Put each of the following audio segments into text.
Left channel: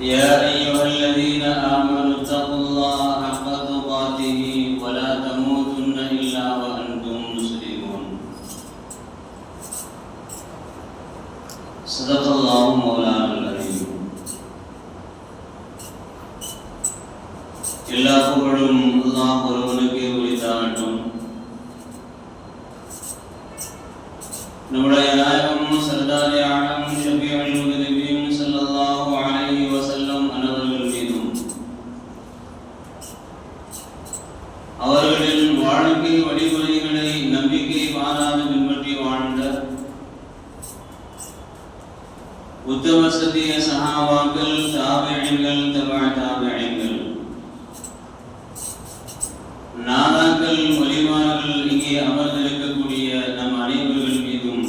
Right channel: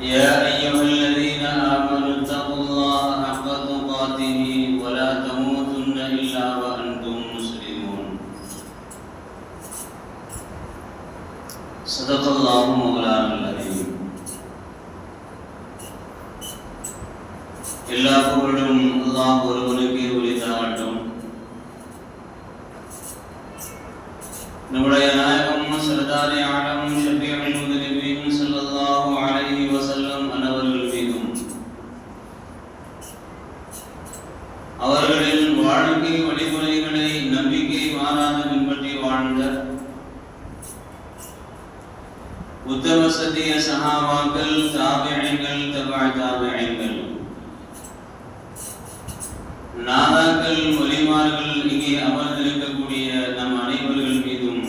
يا أيها الذين آمنوا اتقوا الله حق تقاته ولا تموتن إلا وأنتم مسلمون صدق الله مولانا العظيم എല്ലാ الله അള്ളാഹ് ഒരുവനൊക്കെ ഉയർത്താട്ടും നമ്മുടെ നായകം സർദാരി ആകാം உத்தம சத்திய சஹாபாக்கள் தாபியங்கள் தபா தாபியங்கள் நாதாக்கள் மொழிமார்கள் இங்கே அமர்ந்திருக்கக்கூடிய நம் அனைவர்கள் மீதும்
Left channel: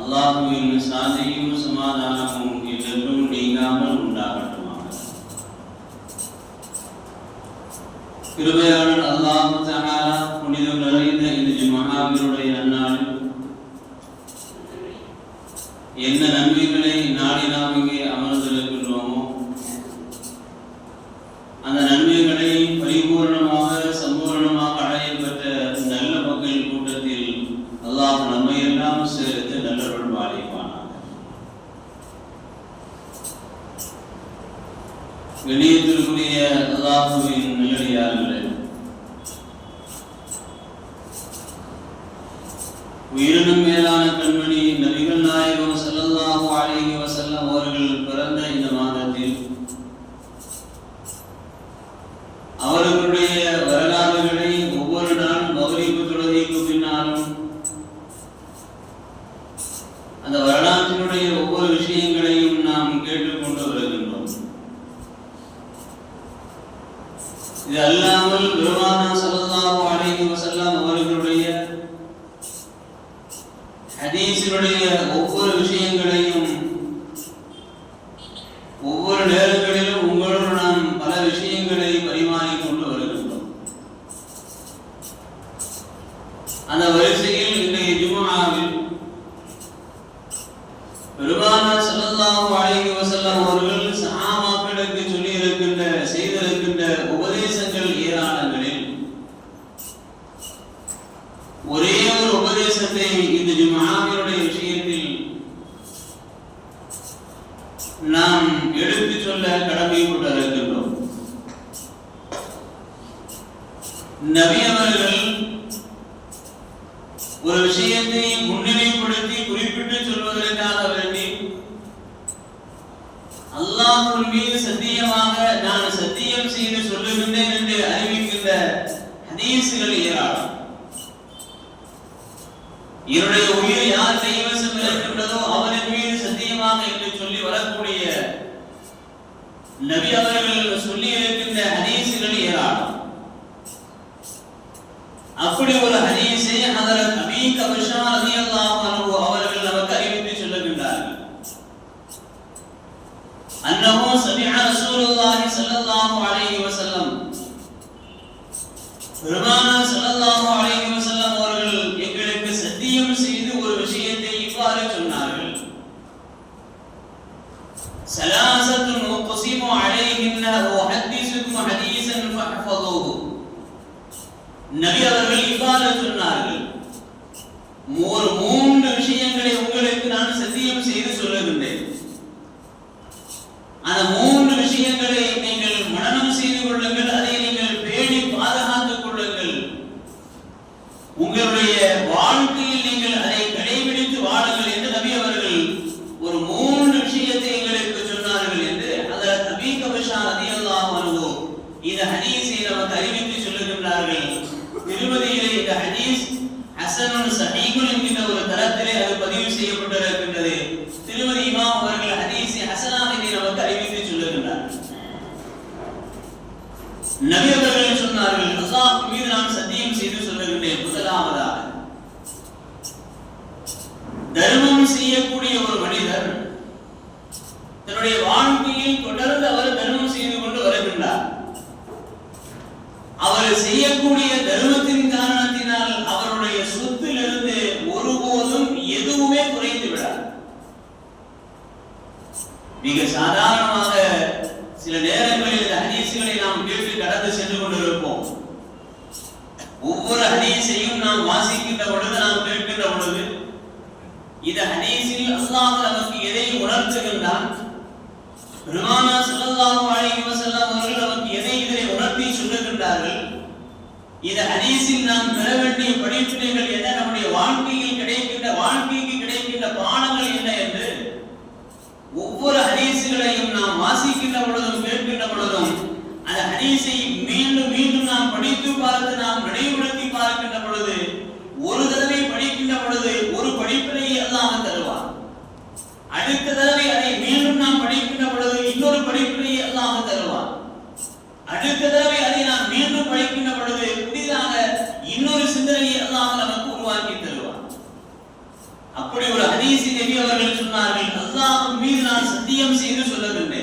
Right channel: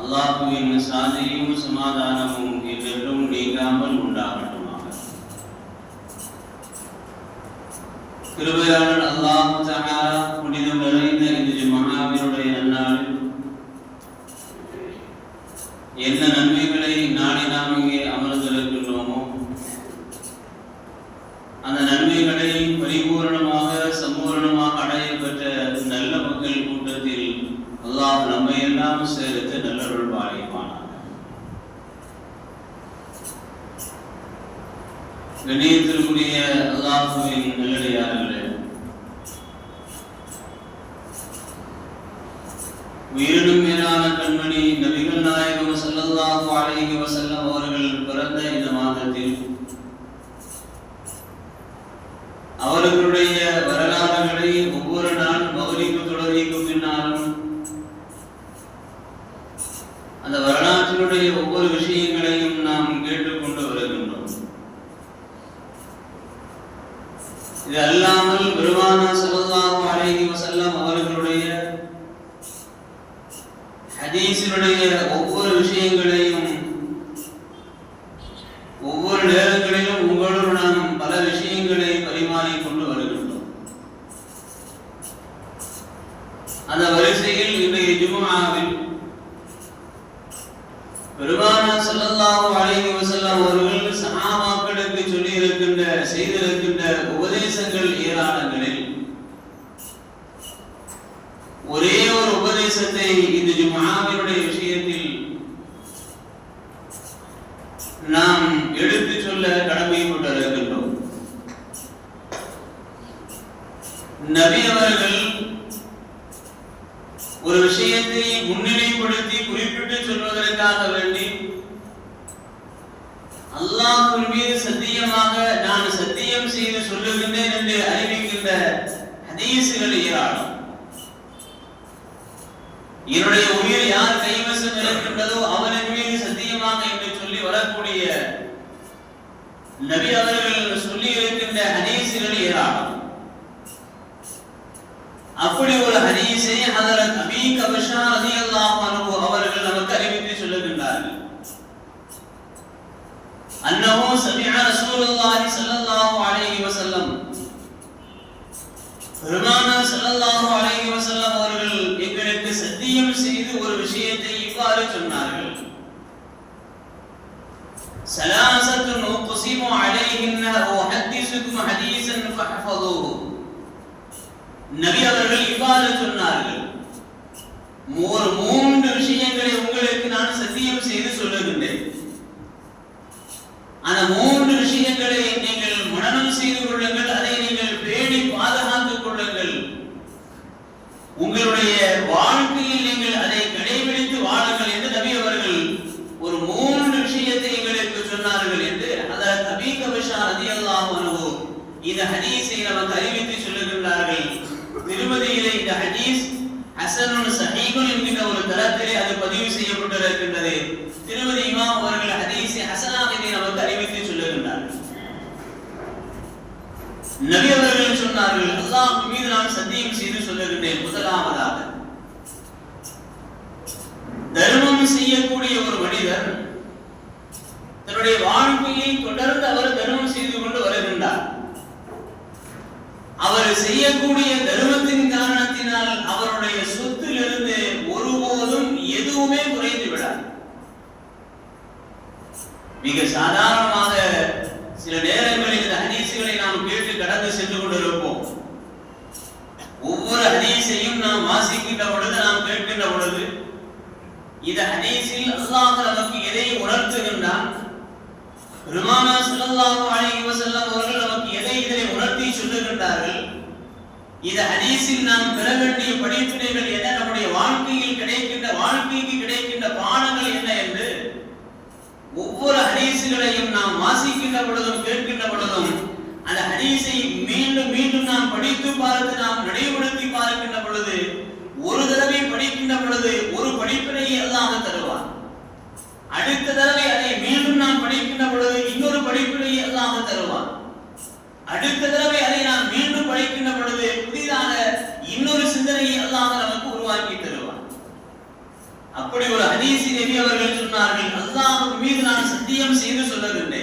அல்லாஹுவின் சாந்தியும் சமாதானமும் என்றென்றும் நீங்காமல் உண்டாகட்டுமாக கிருபையாளர் அல்லாஹு தஆலா கண்ணியத்திற்குரிய அல்லாஹுவின் நல்லடியார்களே உயிரினும் மேலான கண்மணி நபிகள் நாயகம் ஸல்லல்லாஹு அலைஹி வஸல்லம் அவர்கள் பிறந்த இந்த மாதத்தில் அவர்களுடைய வரலாறுகளை ஒவ்வொரு நாள் மகரிப்பு தொழுகைக்கு பின்னாலும் அந்த வரலாற்றினுடைய ஒவ்வொரு விஷயங்களையும் நாம் கேட்டுக்கொண்டு வருகின்றோம் இது அல்லாமல் பெருமானா ஸல்லல்லாஹு அலைஹி வஸல்லம் அவர்களுடைய ஹதீஸினுடைய ஒவ்வொரு விஷயங்களையும் ஒவ்வொரு நேரங்களிலும் உங்களோடு நாம் பல விஷயங்களை பரிமாறிக் கொண்டு வருகின்றோம் அந்த வரிசையில் இன்றைய ஜும்ஆவில் பெருமானா ஸல்லல்லாஹு அலைஹி வஸல்லம் அவர்கள் சஹாபாக்களுக்கு சொல்லி இருக்கின்ற செய்திருக்கின்ற உபதேசங்கள் ஏராளங்களில் ஒரே ஒரு உபதேசத்தை இந்த ஜும்ஆவினுடைய விஷயத்தில் நாம் எடுத்து சொல்ல கடமைப்பட்டிருக்கின்றோம் நபி அவர்கள் ஒரு விஷயத்தை முன்னிலைப்படுத்தி குறிப்பிட்டு வேண்டி அல்லாஹ்வின் மீது சத்தியமாக நான் சத்தியம் செய்து சொல்லுகின்றேன் என்று அறிவிக்கின்ற ஹதீசுகள் ஏராளம். என்னுடைய உயிர் யார் கைவசம் இருக்கின்றதோ அவனின் மீது சத்தியமாக என்று சொல்லி வரக்கூடிய நபி அவர்கள் சொல்லி இருக்கின்ற ஹதீசுகள் ஏராளம். அப்படி ஒரு ஹதீஸை அதற்கு அபீ கபிஷா ரலியல்லாஹு அன்ஹு அவர்கள் நமக்கு அறிவித்து சொல்லுகின்றார்கள் அன்னஹு சமிஅ ரசூலுல்லாஹி ஸல்லல்லாஹு அலைஹி வஸல்லம் பெருமானார் ஸல்லல்லாஹு அலைஹி வஸல்லம் அவர்கள் எங்களுக்கு சத்தியம் செய்து ஒரு விஷயத்தை இவ்வாறு சொன்னார்கள் சலாசத்துன் உக்ஸிமு அலைஹின்ன உஹத்திஸுக்கும் ஹதீஸன் ஃபஹ்ஃபதுஹு நபி அவர்கள் இவ்வாறு சொன்னார்கள் ஒரு மூன்று விஷயங்களை உங்களுக்கு நான் சத்தியம் செய்து சொல்லுகின்றேன் அந்த மூன்று விஷயங்களை நீங்கள் மனநம் செய்து கொள்ளுங்கள் அதை நீங்கள் பேணி பாதுகாத்துக் கொள்ளுங்கள் உங்களுடைய வாழ்க்கையில் நீங்கள் அதை கடைபிடித்து வாழுங்கள் என்று நபி அவர்கள் ஒரு மூன்று விஷயத்தை எங்களுக்கு சொன்னார்கள் என்று அதில் நபி கபிஷா ரதியல்லாஹு அன்ஹு இந்த ஹதீஸை நமக்கு அறிவித்து சொல்லுகின்றார்கள் திருமதியிலே இந்த ஹதீஸ் ஹசனுன் சஹீகுன் என்கின்ற ஒரு தரத்திலே அது பதிவு செய்யப்பட்டிருக்கின்றது திருமதி இமாம் அவர்கள் ஹதீஸை ஹசனாக இதை நமக்கு அறிவித்து சொல்லுகின்றார் நபி அவர்கள் சொன்னார்கள் அல்லாஹ் மீது நான் சத்தியம் செய்து சொல்லுகின்றேன் முதலாவதாக தர்மம் செய்யக்கூடிய ஒரு மனிதர் தன்னுடைய வாழ்க்கையில் தொடர்ந்து அவர் தர்மம் செய்து கொண்டு வருகின்றார் அவர் செய்யக்கூடிய தர்மத்தின் காரணத்தினால் அவருடைய சொத்திலிருந்து ஒருபோதும் எதுவுமே குறைந்து விடாது மிக சாதாரணமாக சில நேரங்களில் இந்த ஹதீசுகளை நாம் கேட்டு கடந்து சென்று கொண்டிருப்போம் ஒவ்வொரு ஹதீஸையும் நாம் வாசிக்கின்ற பொழுது நாம் கேட்கின்ற பொழுது இந்த ஹதீஸில் அல்லாஹ் நமக்கு எதை உணர்த்துகின்றான்? பெருமானா ஸல்லல்லாஹு அலைஹி வஸல்லம் அவர்கள் நமக்கு எதை இதனை உணர்த்தி சொல்லுகின்றார்கள்? இந்த ஹதீஸில் நாம் பெற வேண்டிய படிப்பினைகள் என்ன? நம்முடைய வாழ்க்கையில் கிடைக்கின்ற வாழ்க்கைக்கு கிடைக்கின்ற பாடங்கள் என்ன என்று ஒவ்வொரு ஹதீஸுகளையும் நாம் வாசிக்கின்ற பொழுதும் கேட்கின்ற பொழுதும் அந்த ஹதீஸை மீண்டும் மீண்டும் நாம் படித்து பார்த்து நாம் நினைவுபடுத்தி பார்க்கின்ற பொழுது ஒரு தடவை படிக்கின்ற பொழுது ஒரு படிப்பினையை அல்லாஹ் தருவார். அடுத்த தடவை அதை மீண்டும் நாம் படிக்கின்ற பொழுது இன்னொரு படிப்பினையை அல்லாஹ் தருவார். அடுத்த தடவை அதை நாம் மீண்டும் படிக்கின்ற பொழுது புதிதாக இன்னொரு சிந்தனையை அல்லாஹ் நமக்கு உருவாக்கி தருவார். அப்படி ஒரு ஹதீஸி நபி அவர்கள் சொன்னார்கள் அல்லாஹ் மீது நான் சத்தியம் செய்து சொல்லவில்லை.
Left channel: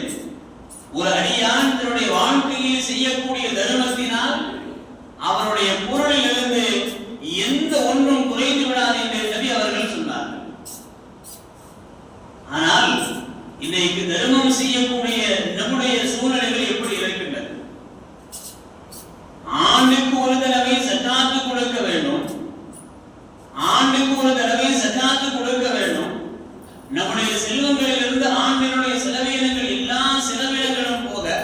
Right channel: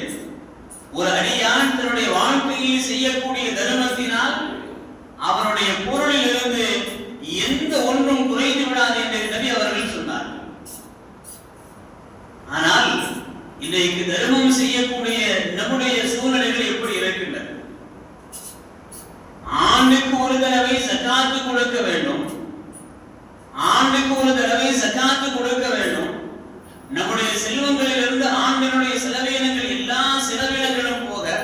ஒரு அடியான் தன்னுடைய வாழ்க்கையில் செய்யக்கூடிய தர்மத்தினால் அவருடைய பொருளில் எந்த ஒன்றும் குறைந்து விடாது என்று நபி அவர்கள் சொன்னார்கள் ஆனால் இன்றைக்கு தர்மம் செய்யக்கூடிய நம்முடைய சூழ்நிலைகள் எப்படி இருக்கின்றன ஆண்டுக்கு ஒரு தடவை சக்காத்து கொடுக்க வேண்டும் ஆண்டுக்கு ஒரு தடவை சக்காத்து கொடுக்க வேண்டும் நம்முடைய செல்வங்களிலிருந்து ஆண்டினுடைய செலவினங்கள் எல்லா செலவினங்களும் போக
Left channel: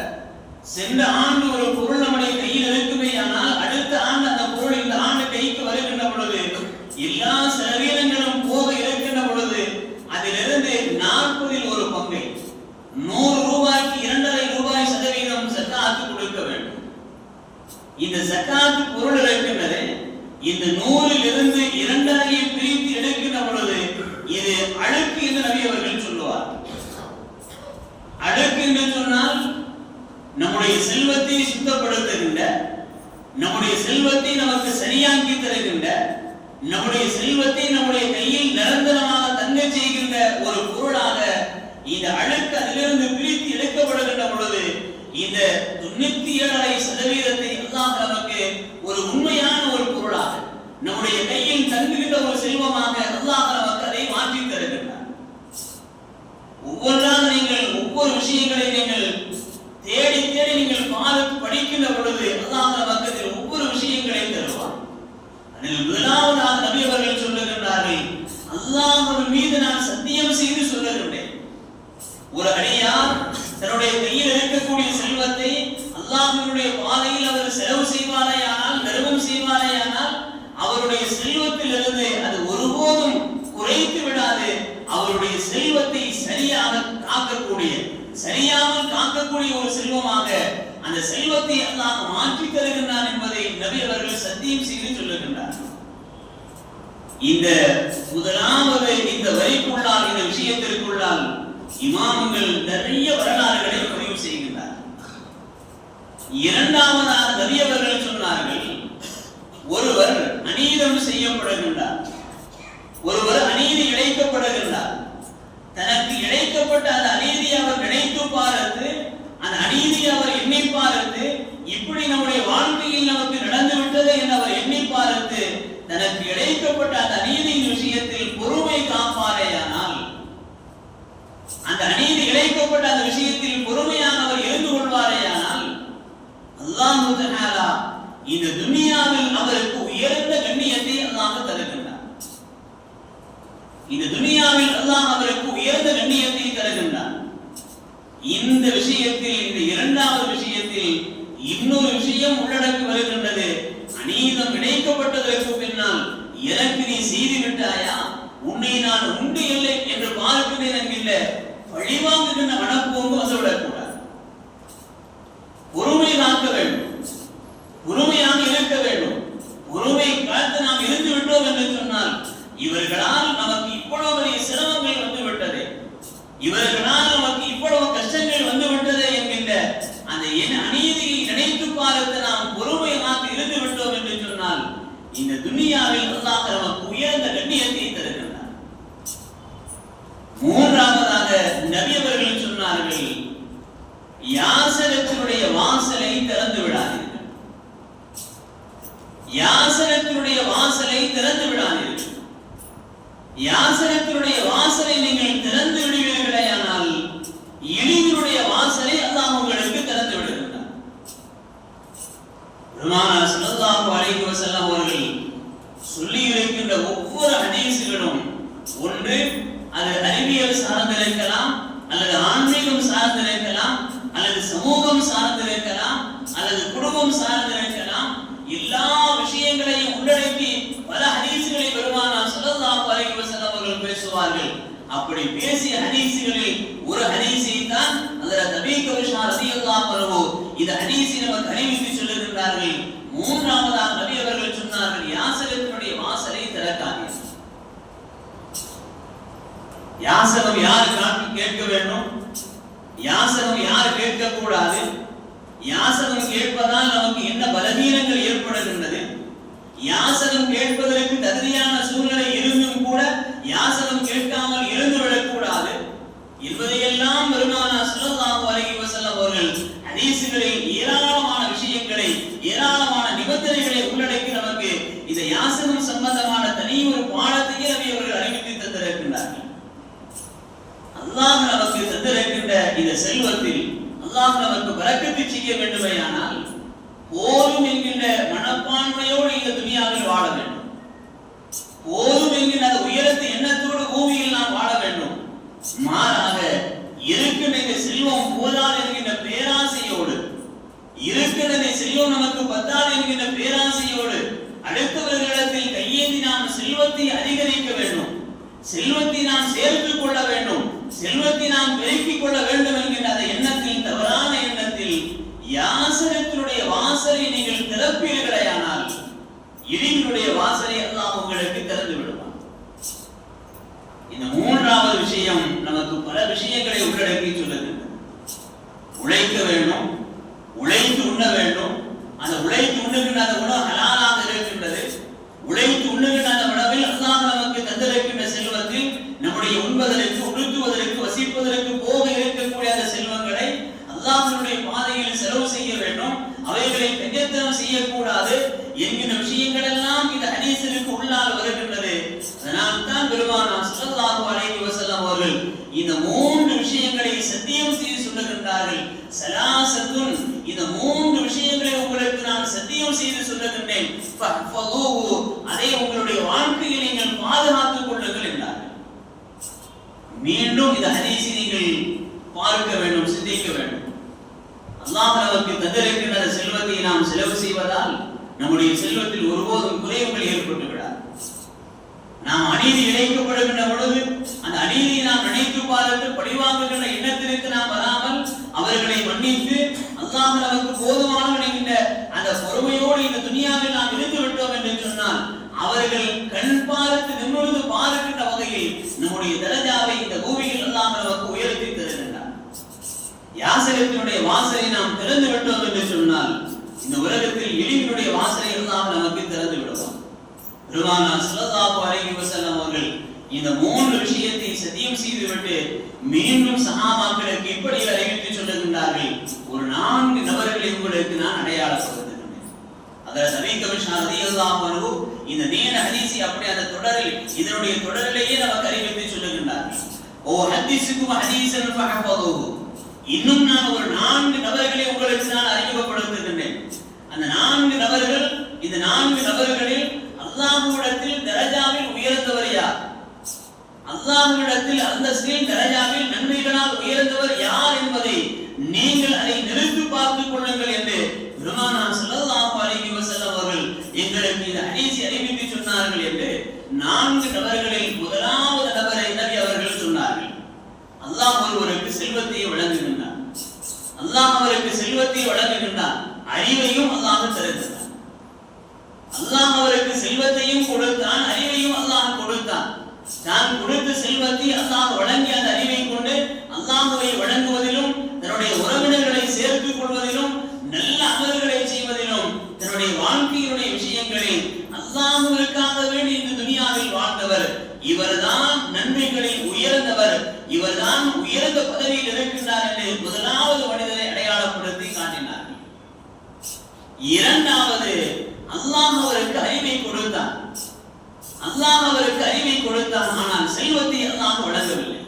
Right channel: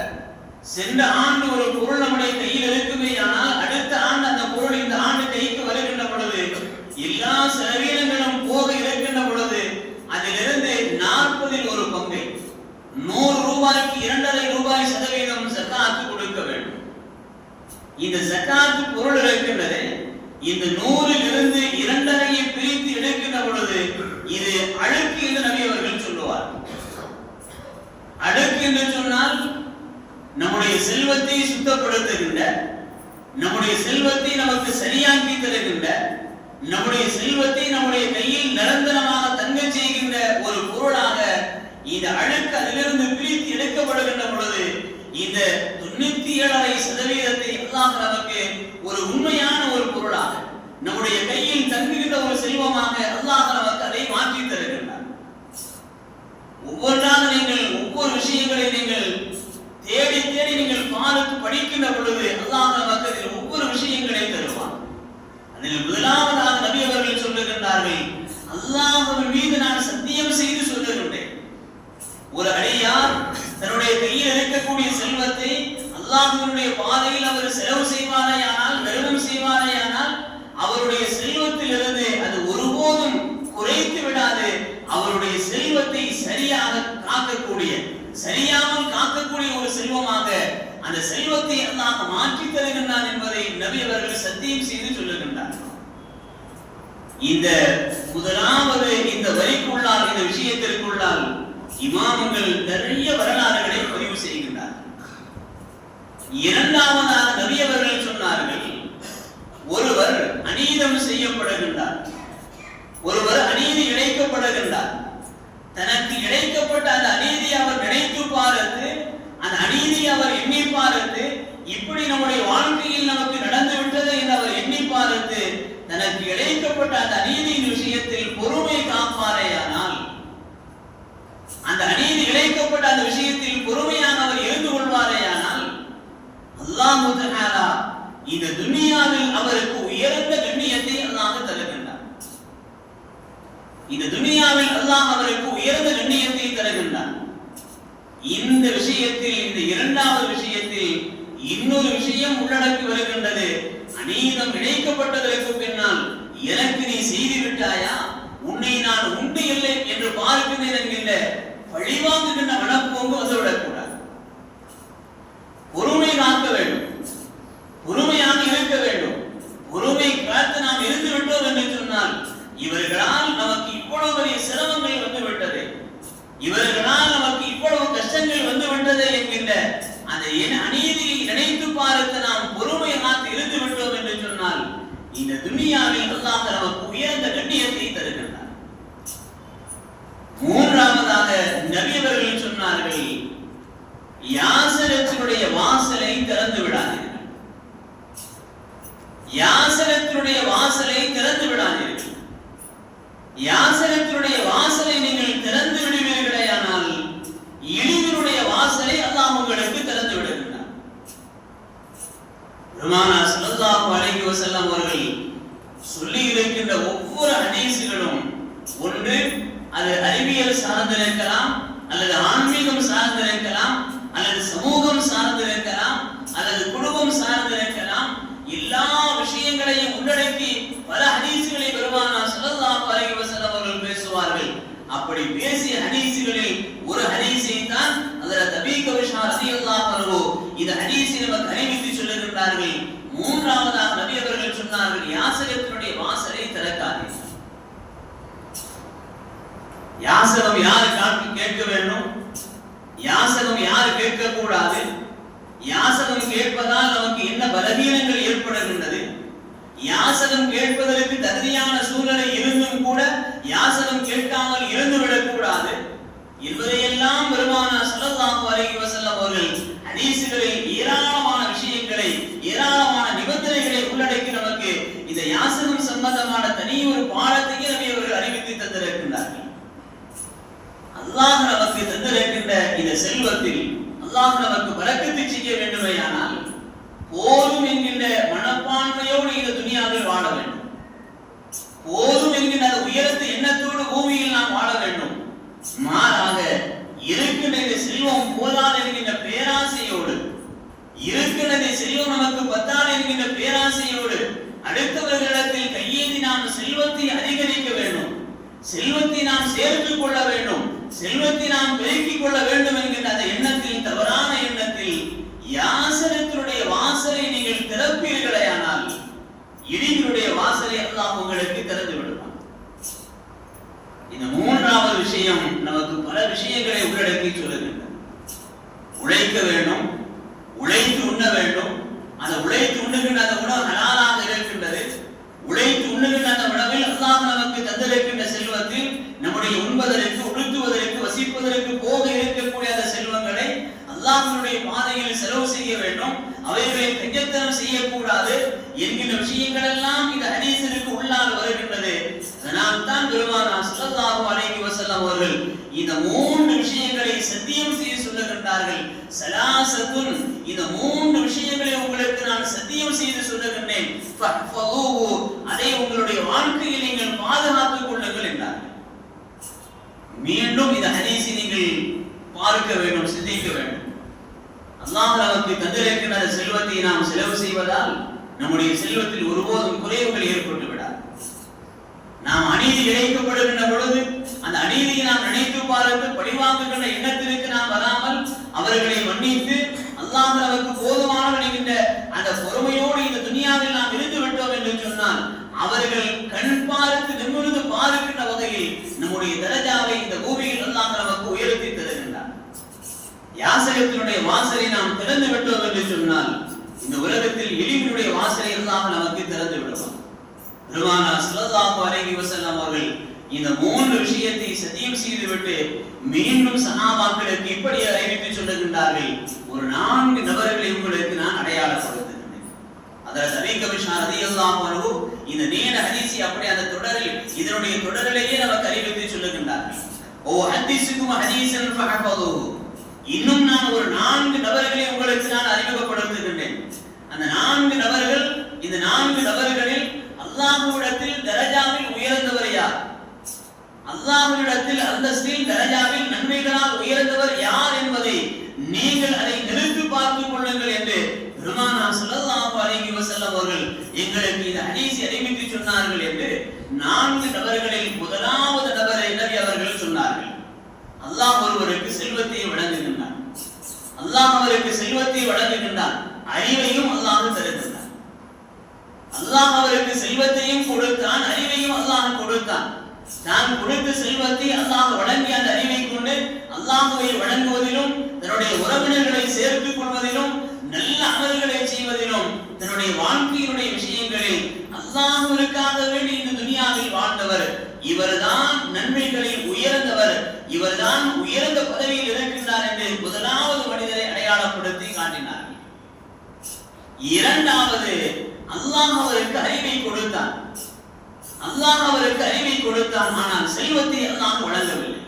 சென்ற ஆண்டு ஒரு பொருள் நம்முடைய கையில் இருக்குமே ஆனால் அடுத்த ஆண்டு அந்த பொருள் இந்த ஆண்டு கைக்கு வருகின்ற பொழுது எல்லா செலவினங்களும் போக இருக்கின்ற பொழுது அதிலிருந்து நாற்பதில் ஒரு பங்கை நூறு ரூபாய்க்கு இரண்டரை ரூபாய் சதவீதம் சக்காத்து கொடுக்க வேண்டும் ஜக்காத்து பொருள் இருக்கின்றது இந்த நூறில் இருந்து இரண்டரையை பிரித்து எடுக்கின்ற பொழுது இது அழுக்கு என்று நபி அவர்கள் சொல்லுவார். அழுக்கு என்று சொன்னால் நம்முடைய செல்வத்தை சுத்தப்படுத்துகின்ற நம்முடைய செல்வத்தை நமக்கு சரியாக்கி தருகின்ற நம்முடைய செல்வத்தை நம்முடைய கையில் நிரந்தரமாக தங்க செய்கின்ற ஒரு பொருளாக இந்த அழுக்கு அதிலிருந்து பிரித்து எடுக்கப்படுகின்ற பொழுது இந்த தொண்ணூத்தி ஏழரை சதவீதத்தை அல்லாஹ் நமக்கு ஒரு உண்மையான ஒரு பொருளாக நம்முடைய கையில் தங்குகின்ற ஒரு செல்வமாக அல்லாஹ் நமக்கு அதை மாற்றி தருகின்றார். ஒவ்வொன்றாக நீங்கள் ஒவ்வொரு விஷயங்களை நீங்கள் தேடி தேடி நீங்கள் பார்த்து படிக்கின்ற பொழுது அல்லாஹ் நமக்கு அதில் ஒவ்வொரு விஷயங்களை தருவார். அதில் முதலாவதாக நபி அவர்கள் சொல்லுகின்றார்கள் அல்லாஹ்வின் மீது நான் சத்தியம் செய்து சொல்லுகின்றேன் ஒரு அடியார் தன்னுடைய கையில் இருக்கக்கூடிய செல்வத்தை அல்லாஹ்வினுடைய பாதையில் அவர் செலவு செய்வாரேயானால் தர்மம் செய்வாரேயானால் அவருடைய செல்வத்திலிருந்து அது ஒருபோதும் குறைத்து விடாது. அவருடைய செல்வத்தை சரியாக காக்கக்கூடிய சரியாமல் காக்கக்கூடிய ஒரு செல்வமாக அந்த செல்வத்தை அல்லாஹ் மாற்றி தருகின்றான் என்பதை நபி அவர்கள் சத்தியம் செய்து சொல்லுகின்றார். இந்த முதலாவது இந்த வரிக்குள்ளால் இந்த விஷயத்திற்குள்ளால் இமாமங்கள் நிறைய வரலாறுகளை பதிவு செய்கிறார் இரண்டாவதாக நபி அவர்கள் சொன்னார்கள் ஒருவர் அநீதம் செய்யப்படுகின்றார். ஒருவர் அநீதி இழைக்கப்படுகின்றார். தனக்கு இழைக்கப்பட்ட அந்த அநீதி அவர் நினைத்து பார்த்து அந்த அநீதி அவர் எண்ணி பார்த்து இப்படி நம்முடைய வாழ்க்கையில் நமக்கு நடந்து விட்டது என்று அவர் எண்ணி பார்த்து தனக்கு இழைக்கப்பட்ட அந்த அநீதியின் விஷயத்தில் பொறுமை காப்பாரேயானால் அந்த அநீதி இழைக்கப்பட்ட அந்த விஷயத்தில் பொறுமையாக அவர் எழுந்து கொள்வாரேயானால் அல்லாஹு தஆலா இந்த துனியாவில் அவருக்கு உயர்ந்த கண்ணியத்தை அல்லாஹ் தருகின்றார் இந்த துனியாவில் அல்லாஹ் அவருக்கு உயர்ந்த கண்ணியத்தை தருகின்றார் இந்த விஷயத்தில் இந்த இரண்டாவது விஷயத்தில் இன்னொரு விஷயம் உள்ளடக்கி வருகின்றது. அநீதம் இணைக்கப்பட்டதற்கு பின்னால் எனக்கு நீ செய்து விட்டாயா? உன்னை நான் உண்டு இல்லை என்று பார்க்க நேரம் இல்லை பழிவாங்குகின்ற மனப்போங்கு வந்துவிடக்கூடாது. உரிமையாக்க வேண்டும். உரிமையாக இருக்க வேண்டும். உரிமை காத்து நாம் இருந்து விட்டோம் என்று சொன்னால் இவர்களால் நமக்கு இவ்வளவு பெரிய சிரமங்கள் வந்து விட்டது இவர்களால் நமக்கு இவ்வளவு கஷ்டங்கள் வந்து விட்டது என்கின்ற அந்த என் அநீதியை நினைத்து பார்த்து நாம் பொறுமை காத்து இருந்து விட்டோம் என்று சொன்னால் இந்த துனியாவில் அல்லாஹ் நமக்கு உயர்ந்த கண்ணியத்தை தருகின்றார் மூன்றாவதாக நபி அவர்கள் சொன்னார்கள் யாசனத்தினுடைய வாசலை திறந்து விடாதீர்கள். யாசனத்தினுடைய வாசலை திறந்து விடாதீர்கள். யாசனத்தினுடைய வாசலை நீங்கள் திறந்து விடுவீர்களே ஆனால் இழிவினுடைய வாசலை அல்லாஹ் உங்களுக்கு திறந்து விடுகின்றார் பெருமானா ஸல்லல்லாஹு அலைஹி வஸல்லம் அவர்கள் சொல்லி இருக்கின்ற ஒவ்வொரு ஹதீஸுகளும் ஒன்று அது அறிவியல் சார்ந்திருக்கலாம் அல்லது ஆன்மீகம் சார்ந்திருக்கலாம் அல்லது சமூகம் சார்ந்திருக்கலாம் அல்லது குடும்பம் சார்ந்திருக்கலாம் எல்லா விஷயங்களையும் உள்ளடக்கி பல ஹதீசுகளை பெருமானா ஸல்லல்லாஹு அலைஹி வஸல்லம் அவர்கள் பேசுவார்கள். அப்படி பேசிய ஹதீசுகளில் ஒரு ஹதீஸை தான் அதில் தபீக விஷா ரலியல்லாஹு அன்ஹு இந்த ஹதீஸை நமக்கு அறிவித்து சொல்லுகின்றார்கள் மூன்றாவதாக நபி அவர்கள் சொன்னார்கள் யாசகத்தினுடைய வாசலை திறக்காதீர்கள் யாசகம் யார் காட்டு கேட்க வேண்டும்? யாசகம் யார் கேட்க கூடாது யாசகம் கேட்பதால் நமக்கு என்ன பலவீனங்கள் ஏற்படுகின்றது? யாசகம் கேட்பதற்கு தகுதியான சூழ்நிலை இருந்தும் கூட யாசகம் கேட்காமல் இருந்து விடக்கூடாது. என்பதையெல்லாம் பெருமானா ஸல்லல்லாஹு அலைஹி வசல்லம் அவர்கள் ஹதீசுகளில் ஏராளமான விஷயங்களை ஏராளமான நிபந்தனைகளை உள்ளடக்கி நமக்கு இந்த யாசகம் சம்பந்தமான தனி ஒரு பாடத்தையே நபி அவர்கள் அறிவித்து தந்திருக்கின்றார்கள். அல்லாஹ் நமக்கு தந்திருக்கின்ற இந்த செல்வத்தில் அல்லாஹ் நமக்கு வரக்கத்தை செய்ய வேண்டுமையானால் போதும் என்கின்ற மனப்பான்மையோடு இந்த துனியாவில் வாழ வேண்டும். போதும் என்கின்ற அந்த உயரத்து எண்ணத்தோடு பூமியில் நாம் வாழ வேண்டும். மாறாக இருக்கின்ற செல்வம் போதாது என்கின்ற பேராசையோடு இருக்கின்ற செல்வம் நமக்கு பத்தாது என்கின்ற பேராசையோடு அடுத்தவர்களிடத்தில் கையேந்தி நாம் செல்வத்தை அதிகரிக்க வேண்டும். செல்வத்தை நாம் சேர்த்துக் கொள்ள வேண்டும். செல்வத்தை நாம் பெருக்கிக் கொள்ள வேண்டும் என்கின்ற அந்த எண்ணத்தில் தவறான எண்ணத்தில் யாசனத்தினுடைய வாசலை நீங்கள் திறப்பீர்களேயானால் இழிவினுடைய வாசலை எல்லாம் உங்களுக்கு திறந்து விடுவான். இந்த மூன்றாவது விஷயம் நமக்கு பல விஷயங்களை உள்ளடக்கி சொல்லுகின்றது. உழைக்க வேண்டும் உழைத்து உண்ண வேண்டும். அந்த உழைத்து உண்ணுகின்ற அந்த உணவு ஹலாலாக இருக்கின்றது. உழைத்து உண்ணுகின்ற அந்த உணவில் அல்லாஹ் நமக்கு தந்திருக்கின்ற செல்வத்தில் உண்பதற்கு உடுத்துவதற்கு வசிப்பதற்கு போக இருக்கக்கூடிய அந்த செல்வங்களை அல்லாஹனுடைய பாதையில் செலவு செய்ய வேண்டும். அவைகளை கஞ்சத்தனம் செய்யக்கூடாது. என்கின்ற விஷயங்கள் எல்லாம் இந்த ஹதீஸிற்கு உள்ளால் வருகின்றது. அதனால் தான் பெருமானா சுல்லாஹு அலைஹி வஸல்லம் அவர்கள் இந்த மூன்று விஷயங்களை சத்தியம் செய்ய சொல்லுகின்றார்கள். சலாசத்துன் இந்த மூன்று விஷயங்களை உங்களுக்கு நான் சத்தியம் செய்து சொல்லுகின்றேன். ஃபஹ்ஃபதூஹு அதை உங்களுடைய வாழ்க்கையில் நீங்கள் பாதுகாத்துக் கொள்ளுங்கள் என்றார்கள் மீண்டும் இந்த ஹதீஸை நீங்கள் பார்க்க வேண்டும் சிந்திக்க வேண்டும். அல்லாஹ் நமக்கு தந்திருக்கின்ற செல்வத்தை நாம் செலவு செய்வதால் நம்முடைய செல்வத்தில் ஒருபோதும் குறைவுகள் ஏற்பட்டு விடாது. நாம் அநீதி இழைக்கப்படுகின்ற பொழுது அந்த அநீதியை நாம் நினைத்து பார்த்து பழிவாங்குகின்ற எண்ணத்திற்கு நாம் வராமல் அவர்களை மன்னித்து அல்லாஹ் நமக்கு போதுமானவன் என்கின்ற அந்த பொறுமையோடு இந்த துணியாவில் நாம் இருந்து விட்டோம் என்று சொன்னால் அவர்கள் கண் பார்த்து நிமிர்ந்து பார்க்கின்ற வகையில் நம்முடைய தரஜாவை இந்த பூமியில் எல்லாம் நமக்கு உயர்த்தி தருகின்றார் யாசகத்தினுடைய வாசலை நாம் திறந்து விட்டோம் என்று சொன்னால் இந்த உலகத்தில் எளிமையுடைய வாசலை எல்லாம் நமக்கு திறந்து விடுவோம் பெருமானா ஸல்லல்லாஹு அலைஹி வஸல்லம் அவர்கள் இந்த மூன்று விஷயத்தை சத்தியம் செய்துவிட்டு மீண்டும் சஹாபாக்களுக்கு இப்படி அறிவித்து சொல்லுகின்றார்கள் ஒரு நான்கு நபர்களை உங்களுக்கு நான் அடையாளப்படுத்துகின்றேன். அதில் நபி கமிஷன் அதிகம் அன்ஹு இந்த நேர ஹதீசி அப்படி அந்த தொடரில் இதனுடைய தொடரிலேயே நமக்கு அறிவிப்பை சொல்லுகின்றார்கள் ஓ ஹதீஸுக்கும் ஹதீசன் இன்னும் நான் ஒரு நான்கு நபர்களை உங்களுக்கு நான் அறிமுகப்படுத்துகின்றேன். அந்த நான்கு நபர்கள் இந்த நான்கு நபர்களில் அல்லாஹுவிடத்தில் தரஜாவில் உயர்ந்தவர் யார்? அல்லாஹுவிடத்தில் அந்தஸ்தில் தரஜாவில் நன்மைகளால் உயர்ந்தவர் யார் என்பதை நீங்கள் அதை நிறுத்தி பார்த்துக் கொள்ளுங்கள் என்று பெருமானா அலைஹி வஸல்லம் அவர்கள் எங்களை மீது ஹதீஸை அறிவித்து சொன்னார்கள் என்று நான்கு நபர்களில் முதலாவது நபரை நபி அவர்கள் சொன்னார்கள். அல்லாஹ் ஒருவருக்கு செல்வத்தை வழங்குகின்றான். அல்லாஹ் அவருக்கு செல்வத்தை வழங்குகின்றான். அறிவையும் அல்லாஹ் தருகின்றான். அல்லாஹ் அவருக்கு செல்வத்தையும் கொடுத்தான் அறிவையும் அல்லாஹ் கொடுத்தான். தான் கொடுத்த செல்வத்தை அல்லாஹ் வழங்கிய அந்த அறிவை கொண்டு அல்லாஹுவை வழங்குவதிலும் தன்னுடைய உறவினர்களை சேர்த்துக் கொள்வதிலும் நல்ல அமல்களை அல்லாஹுவிற்காக வேண்டி இந்த துனியாவில் வாழ்ந்தவர். இவர்தான் நன்மைகளில் உயர்ந்தவர். இவர்தான் உயர்ந்த பதவியில் இருக்கின்றார் என்று முதலாவது மனிதரை அடையாளப்படுத்தி காட்டினார்கள். இரண்டாவது அல்லாஹ் அவருக்கு அறிவை கொடுத்தான். அல்லாஹ் அவருக்கு அறிவை கொடுத்தான். ஆனால் செல்வத்தை அல்லாஹ் வழங்கவில்லை.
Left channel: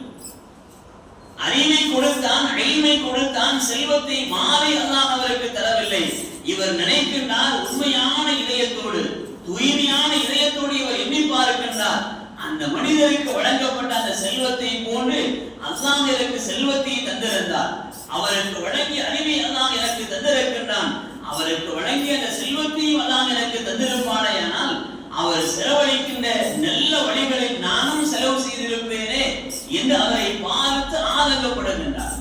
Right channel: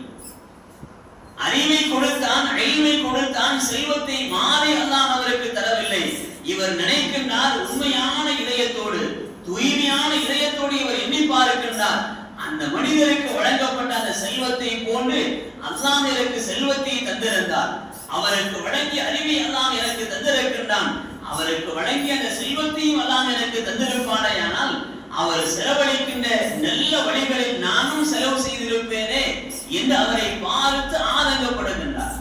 அறிவை கொடுத்தான் அழிமை கொடுத்தான் செல்வத்தை மாறி அல்லாஹ் அவருக்கு தரவில்லை. இவர் நினைக்கின்றார் உண்மையான இதயத்தோடு தூய்மையான இதயத்தோடு இவர் எண்ணி பார்க்கின்றார் அந்த மனிதருக்கு வழங்கப்பட்ட அந்த செல்வத்தை போன்று அல்லாஹ் எனக்கு செல்வத்தை தந்திருந்தார். அவருக்கு வழங்கிய அறிவை அல்லாஹ் எனக்கு தந்திருக்கின்றான். அவருக்கு வழங்கிய அந்த செல்வத்தையும் அல்லாஹ் எனக்கு தந்திருப்பானேயானால் அவர் செலவழிக்கின்ற நல்ல வழிகளில் நானும் செலவு செய்திருப்பேனே என்று அவரை பார்த்து ஆதங்கப்படுகின்றார்.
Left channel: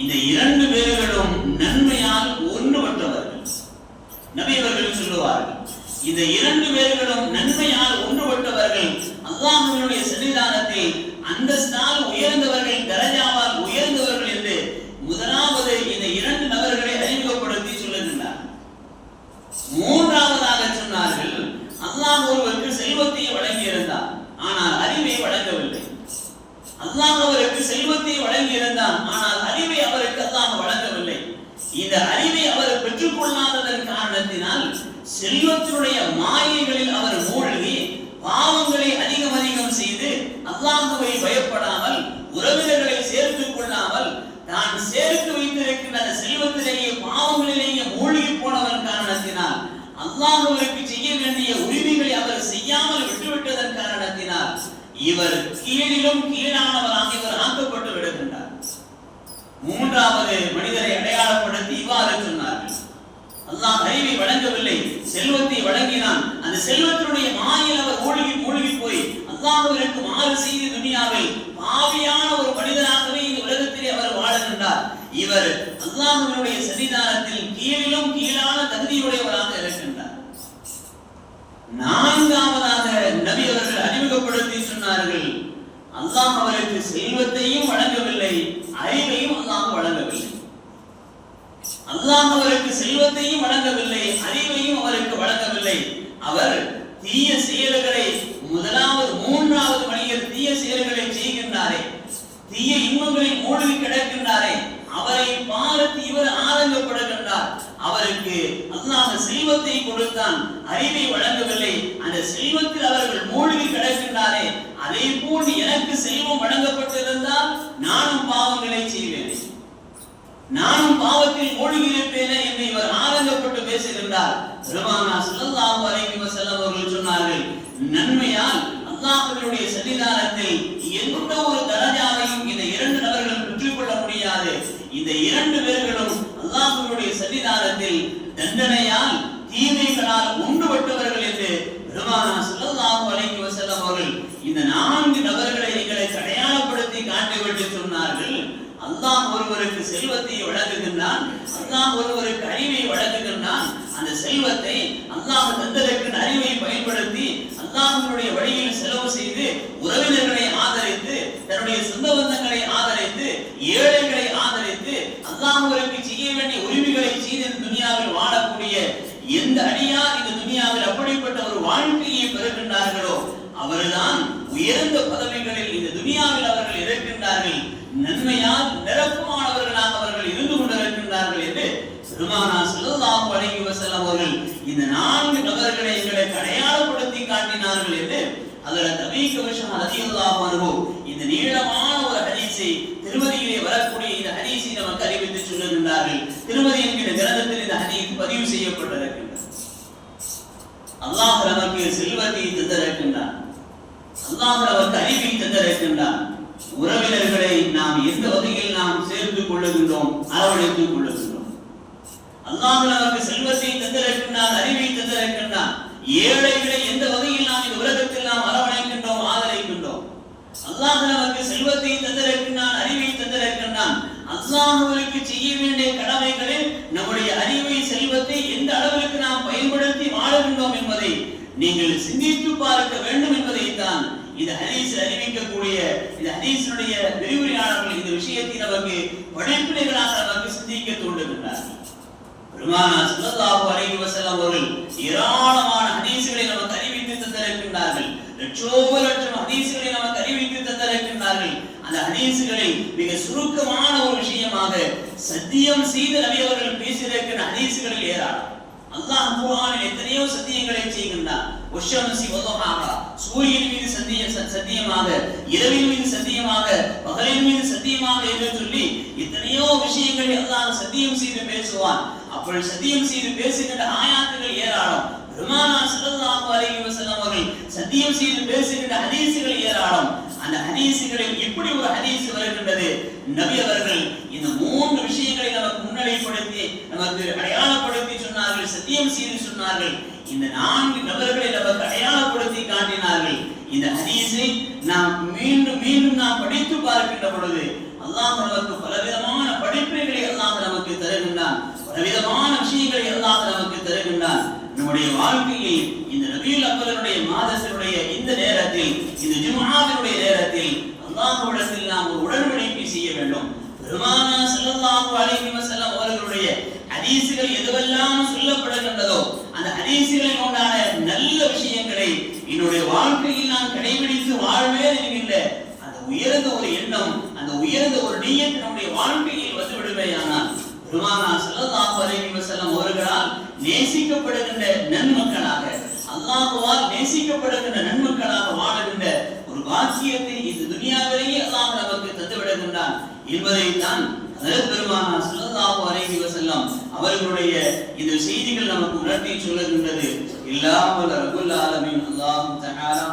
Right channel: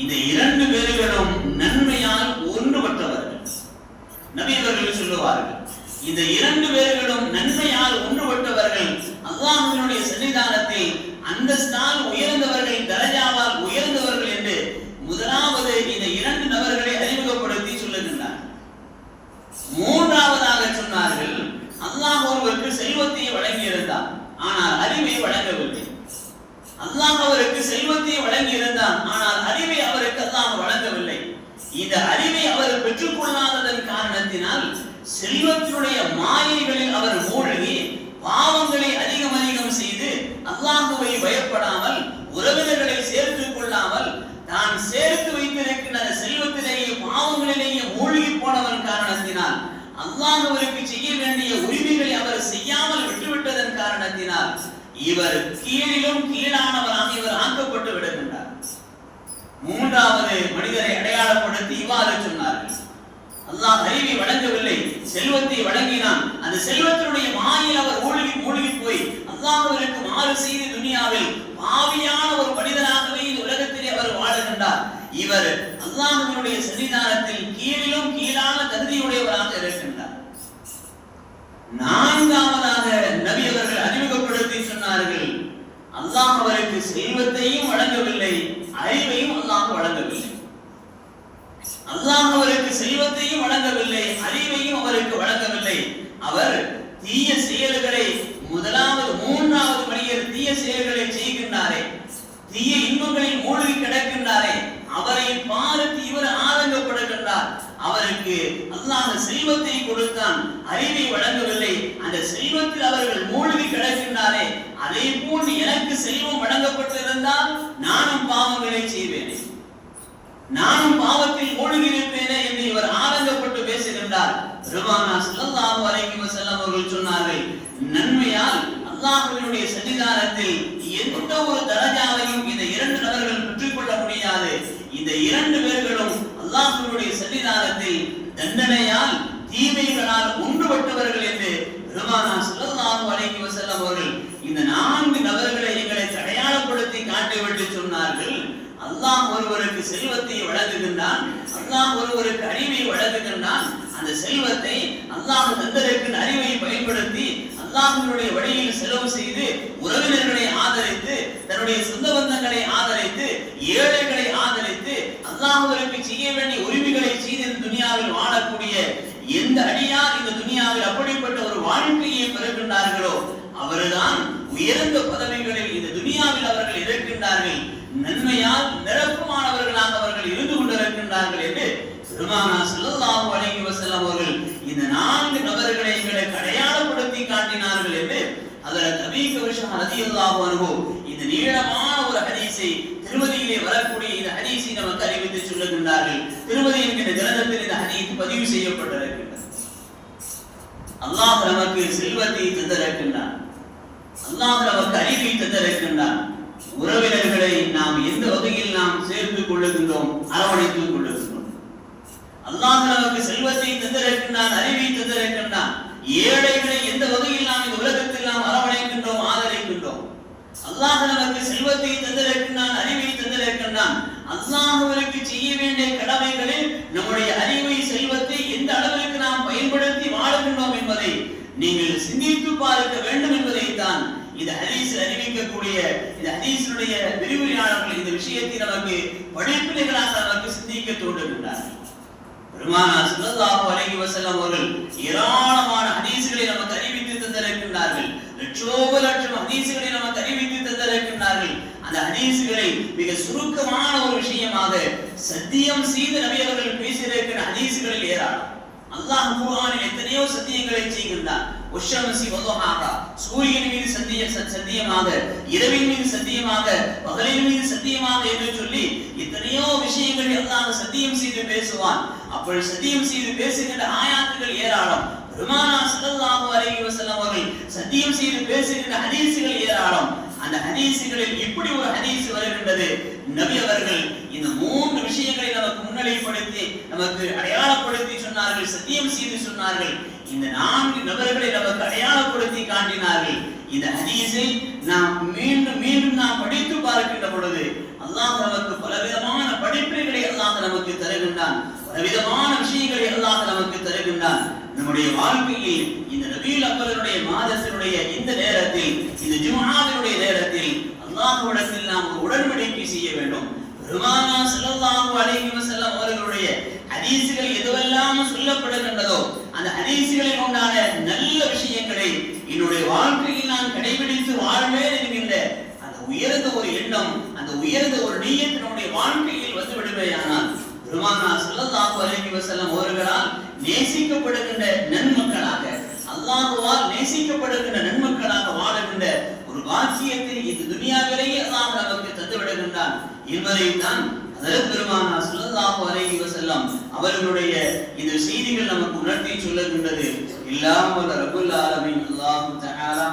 இந்த இரண்டு பேர்களும் நன்மையால் ஒன்றுபட்டவர். நபியவர்கள் சொல்லுவார்கள் இந்த இரண்டு பேர்களும் நன்மையால் ஒன்றுபட்டவர்கள் அல்லாஹ்வினுடைய சன்னிதானத்தில் அந்தஸ்தால் உயர்ந்தவர்கள் தரஜாவால் உயர்ந்தவர்கள் என்று முதலாவது இந்த இரண்டு நபர்களை அறிமுகப்படுத்தி சொல்லுகின்றார். மூன்றாவதாக சொன்னார்கள் அல்லாஹ் ஒருவருக்கு செல்வத்தை வழங்கியிருந்தார் ஆனால் அறிவை வழங்கவில்லை. அல்லாஹ் அவருக்கு செல்வத்தை வழங்கியிருந்தான் ஆனால் அறிவை அவருக்கு அல்லாஹ் வழங்கவில்லை. இந்த அறிவை அவர் பெற்றுக்கொள்ளாததன் காரணத்தினால் செல்வத்தினுடைய மாயைகளில் அவர் மூழ்கி பாவங்களை அதிகம் அதிகம் செய்து அல்லாஹுவை பயப்படாமல் உறவினர்களை சேர்த்துக் கொள்ளாமல் தான் சேர்த்து வைத்திருக்கின்ற செல்வத்திலேயே பாவங்களிலேயே மூழ்கி போனவன் காரணத்தினால் அல்லாஹுவருக்கு செய்ய வேண்டிய உரிமைகளை அவர் செய்யாமல் விட்டுவிட்டதன் காரணத்தினால் இவர் கீழிலும் கீழானவராக இவர் ஆக்கப்பட்டு விடுகின்றார். மூன்றாவது மனிதரை அடையாளப்படுத்தி இவ்வாறு சொன்னார்கள். அல்லாஹ் அறிவை வழங்கவில்லை செல்வத்தை வழங்கினான். அந்த செல்வத்தினுடைய மாயில் அவர் மூழ்கி மூழ்கி போய் அல்லாஹ்விற்கு மாறு செய்து துனியாவில் பாவியான ஒரு மனிதனாகவே இந்த உலகத்திலே அவர் வாழுகின்றார் இவர் அல்லாஹ்வினுடைய சன்னிதானத்தில் கீழிலும் கீழான தகுதியுடையவராக இருக்கின்றார் நான்காவதாக நபி அவர்கள் அறிமுகப்படுத்தி சொன்னார்கள் அல்லாஹ் அவருக்கு செல்வத்தையும் வழங்கவில்லை அறிவையும் அல்லாஹ் வழங்கவில்லை. அல்லாஹ் அவருக்கு செல்வத்தையும் வழங்கவில்லை அறிவையும் அவருக்கு வழங்கவில்லை. அவர் தீய செயல்களை முதலாவது மூன்றாவது மனிதர் தீய செயல்களை செய்கின்றாரே. தீய இன்பங்களில் மூழ்கி கிடக்கின்றாரே. அவரை பார்த்து இவர் ஆதங்கப்படுகின்றார். அவருக்கு அல்லாஹ் செல்வத்தை கொடுத்தான். அறிவை வழங்கவில்லை. அந்த செல்வத்தில் அவர்கள் மூழ்கி கிடக்கின்றாரே. அதே போல் எனக்கு செல்வம் வழங்கப்பட்டிருந்தால் நானும் பாவங்களை செய்வேன். நானும் பாவத்தில் மூழ்கி இருப்பேனே என்று இவர் ஆனந்தப்பட்டு பேசுகின்றார். பெருமானா ஸல்லல்லாஹு அலைஹி வஸல்லம் அவர்கள் சொன்னார்கள் நன்மையால் அல்லாஹ்வினுடைய சன்னிதானத்தில் எந்த ஒரு தரஜாவையும் இந்த இரண்டு நபர்கள் பெற்றுக்கொள்ள முடியாது. இந்த இரண்டு பேர்களும் சன்னிதானத்தில் தண்டனையால் தீமைகளால் ஒன்றுபட்டவர்கள் என்று பெருமானா ஸல்லல்லாஹு அலைஹி வஸல்லம் அவர்கள் இந்த நான்கு நபர்களை எங்களை அடையாளப்படுத்தி காட்டிவிட்டு சொன்னார்கள். அல்லாஹ் ஒருவருக்கு செல்வத்தை வழங்குகின்றான் அல்லாஹ் ஒருவருக்கு அறிவை வழங்குகின்றான். அந்த செல்வத்தை அல்லாஹ் தந்தருக்கு அறிவை பயன்படுத்தி அல்லாஹ்வினுடைய வழியில் செலவு செய்து உறவினர்களை ஆதரித்து தன்னுடைய சொந்த பந்தங்களை ஆதரித்து ஏழைகளை ஆதரித்து அல்லாஹ்விற்கு செய்ய வேண்டிய உரிமைகளை செய்து இந்த துனியாவில் வாழக்கூடிய எந்த அடியார் இந்த துனியாவில் அப்படிப்பட்ட ஒரு வாழ்க்கையை பெறுகின்றார்களோ அவர்தான் உயர்ந்த பதவிகளில் இந்த துனியாவில் அவர்கள் இருக்கின்றார்கள் நன்மையால் நிரப்புமானவர்களாக அவர்கள் இருந்து கொண்டிருக்கின்றார்கள் என்று பெருமானா ஸல்லல்லாஹு வழங்கி வஸல்லம் அவர்கள் இந்த நான்கு நபர்களை எங்களுக்கு அடையாளப்படுத்தி காட்டினார்கள் என்று அதில் தபீக விஷயம் ரலியல்லாஹு அனுபவம் இந்த நீளமான ஒரு ஹதீஸை திருமதி என்கிற கிரந்தத்தில் இந்த ஹதீத் பதிவு செய்யப்பட்டிருக்கின்றது. அல்லாஹ் நமக்கு செல்வத்தை தந்திருக்கின்றான். அல்லாஹ் நமக்கு அறிவை தந்திருக்கின்றான். உறவினர்களை நாம் எந்த வகையில் நாம் சேர்த்துக் கொள்ளுகின்றோம் அரவணைத்துக் கொள்ளுகின்றோம்? அல்லாஹ் நமக்கு செல்வத்தை தந்திருக்கின்றான் அறிவை தந்திருக்கின்றான். ஏழைகளை எந்த வகையில் நாம் இந்த உலகத்தில் நாம் அரவணைக்கின்றோம் ஆதரிக்கின்றோம்? அல்லாஹ் நமக்கு செல்வத்தை தந்திருக்கின்றான் அறிவை தந்திருக்கின்றான். அல்லாஹ்விற்கு செய்ய வேண்டிய கடமைகளில் நம்முடைய அறிவை செல்வத்தை எந்த அளவிற்கு நாம் பயன்படுத்தி வாழுகின்றோம் என்பதை நீங்கள் சிந்தித்து பார்க்க வேண்டும் என்பதை தான் இந்த ஹதீஸ் அறிவிக்கக்கூடிய இந்த ஹதீஸினுடைய விரிவுரையாளர்கள் இந்த விஷயத்தை நமக்கு படிப்பினைகளாக நமக்கு சிந்திக்க தூண்டுகின்றார்கள் பெருமானார் சுல்லாஹு அலைஹி வஸல்லம் அவர்கள் ஏராளமான ஹதீஸ்களை நமக்கு அறிவித்து தந்திருக்கின்றார்கள். லட்சோப லட்சம் ஹதீஸ்களை நமக்கு அறிவித்து தந்திருக்கின்றார்கள். அந்த ஹதீசுகளை மிக சுருக்கமான ஒரு விஷயமாக சத்தியம் செய்து நபி அவர்கள் பேசியிருக்கிற ஹதீசுகளில் ஏராளம். அல்லாஹ் குர்ஆனில் எத்தனையோ சத்தியங்களை செய்கின்றார் உஷம்சி வதுஹாஹா. சூரியன் மீது சத்திய சத்தியமாக இரவின் மீது சத்தியமாக பகலின் மீது சத்தியமாக என்று சொல்லி எத்தனையோ விஷயங்களை அல்லாஹ் சத்தியம் செய்து பேசுவான். அப்படி சத்தியம் செய்து பேசுகின்ற ஆயாத்துகள் ஏராளம். பெருமானா ஸல்லல்லாஹு அலைஹி வஸல்லம் அவர்கள் சத்தியம் செய்து பேசுகின்ற ஹதீஸுகள் ஏராளம். அந்த ஹதீசுகளில் இப்படி ஒரு ஹதீஸ் வருகின்றது. நபி அவர்கள் இந்த மூன்று விஷயங்களை நமக்கு முன்னிலைப்படுத்தி நமக்கு அடையாளப்படுத்தி சொன்னார்கள் சத்தியம் செய்து சொன்னார்கள். இந்த நான்கு நபர்களை நமக்கு அடையாளப்படுத்தி காட்டினார்கள். இந்த ஹதீஸை நாம் மீண்டும் மீண்டும் நாம் படித்து பார்க்கின்ற பொழுது அல்லாஹ் நமக்கு பலவிதமான படிப்பினைகளை அல்லாஹ் நமக்கு தருகின்றான். பலவிதமான விஷயங்களை அல்லாஹ் நமக்கு தருகின்றான். நம்முடைய வாழ்க்கையில் இந்த நபீல் அவர்களுடைய மாதத்தினுடைய நேரத்தில் இந்த ஜும்ஆவினுடைய நேரத்தில் அல்லாஹ்விடத்தில் நாம் ஒரு உடன்படிக்கை செய்ய வேண்டும். பெருமானா ஸல்லல்லாஹு அலைஹி வஸல்லம் அவர்களுடைய ஹதீஸுகள் எதுவெல்லாம் சொல்லப்படுகின்றதோ அந்த ஹதீஸுகளில் உண்டான நல்ல விஷயங்களை என்னுடைய வாழ்க்கையில் நான் கடைபிடித்து வாழ்வேன் என்கின்ற அந்த உயர்ந்த ஒரு எண்ணம் அந்த உயர்ந்த ஒரு நீயத் நம்முடைய வாழ்க்கையில் வந்து விடுமையானால் பெருமானா ஸல்லல்லாஹு அலைஹி வஸல்லம் அவர்களால் நேசிக்கப்படுகின்ற நன்மக்களாக அல்லாஹ்வால் நேசிக்கப்படுகின்ற நன்மக்களாக வாழுகின்ற ஒரு பாக்கியத்தை இந்த துனியாவிலேயே அல்லாஹ் நமக்கு தந்து என்பதைத்தான் என்பதை பெருமானா ஸல்லல்லாஹு அலைஹி வஸல்லம் அவர்களுடைய இந்த செய்திகள் நமக்கு உணர்த்தி சொல்லுகின்றது. இல்லாமல் ரபுல் ஆலமீன் அல்லாஹு தஆலா.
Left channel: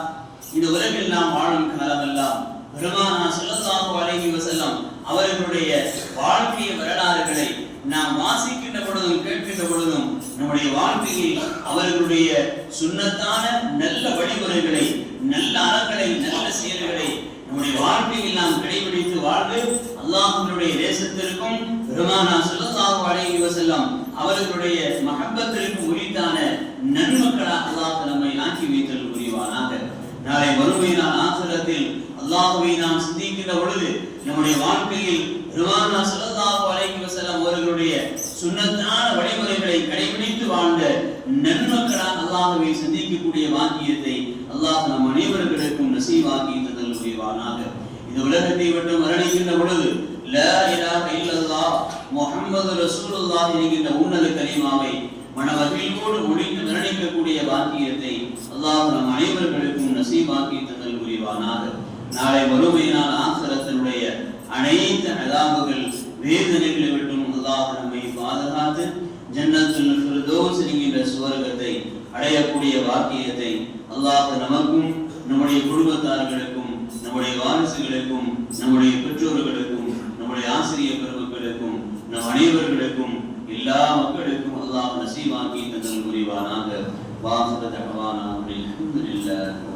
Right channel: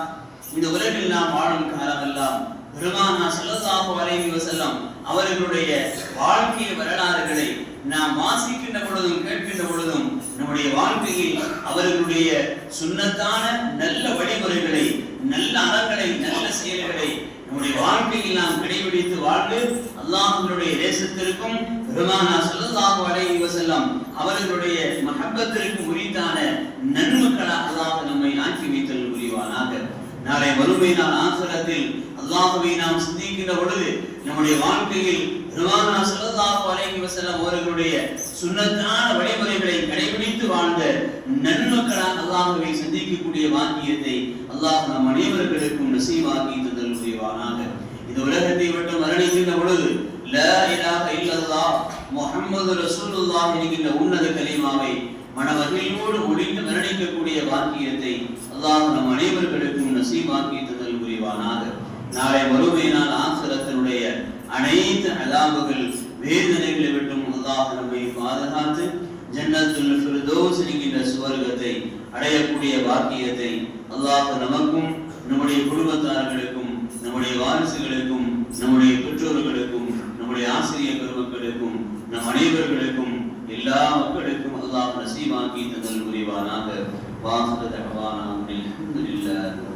இந்த உலகில் நாம் வாழும் காலமெல்லாம் பெருமானா ஸல்லல்லாஹு அலைஹி வஸல்லம் அவர்களுடைய வாழ்க்கை வரலாறுகளை நாம் வாசிக்கின்ற பொழுதும் கேட்கின்ற பொழுதும் நம்முடைய வாழ்க்கையில் அவர்களுடைய சுண்ணத்தான நல்ல வழிமுறைகளை நல்ல அறங்களை நல்ல செயல்களை நம்முடைய வாழ்க்கையில் நாம் கடைபிடித்து வாழ்ந்து அல்லாஹனுடைய தேசத்திற்கும் பெருமானா ஸல்லல்லாஹு அலைஹி வஸல்லம் அவர்களுடைய மகப்பத்திற்கு உரித்தான நன்மக்களாக அல்லாஹ் நம்மை ஆக்கி வைத்தல் புரிவானாக நாளை வறுமை நாள் ஆசிரத்தில் அல்லாஹுவை நாம் சிந்திக்கின்ற பொழுது நம்முடைய வாழ்க்கையில் பெருமானா ஸல்லல்லாஹு அலைஹி வஸல்லம் அவர்களுடைய சுண்ணத்தான வழிமுறைகளை கடைபிடித்து வாழ்ந்த நன்மக்களாக அல்லாஹுவை சந்திக்கக்கூடிய வாக்கியத்தை அல்லாஹ் நம் அனைவருக்கும் நசீவாக்கி தந்தல் புரிவானாக இந்த உலகத்தை விட்டு மரணிக்கின்ற பொழுது லா இலாஹ இல்லல்லா முஹம்மது ரசூலுல்லாஹ் என்கின்ற உன்னத கலிமாவை மனமகிழ்வோடு முடிந்து மரணிக்கக்கூடிய பாக்கியத்தை அல்லாஹ் நம் அனைவர்களுக்கும் நசீவாக்கி தந்தல் புரிவானாக நாளை மறுமையினால் ஆசிரத்தினுடைய அனைத்து அதாபுகள் வேதனைகளை விட்டும் அல்லாஹ் நம்மை பாதுகாத்து ஜன்னத்துல் என்கின்ற சுவர்க்கத்தை அடையக்கூடிய வாக்கியத்தை அல்லாஹ் நமக்கும் நம்முடைய குடும்பத்தார்களுக்கும் நம்முடைய வாரிசுகளுக்கும் நம்முடைய பெற்றோர்களுக்கும் நம்முடைய ஆசிரியர் பெருமக்களுக்கும் நம் அனைவர்களுக்கும் எல்லா மக்களுக்கும் அல்லாஹ் நசீவாக்கி தந்தல் புரிவானாக. வாசக தகவானா அப்படின்னு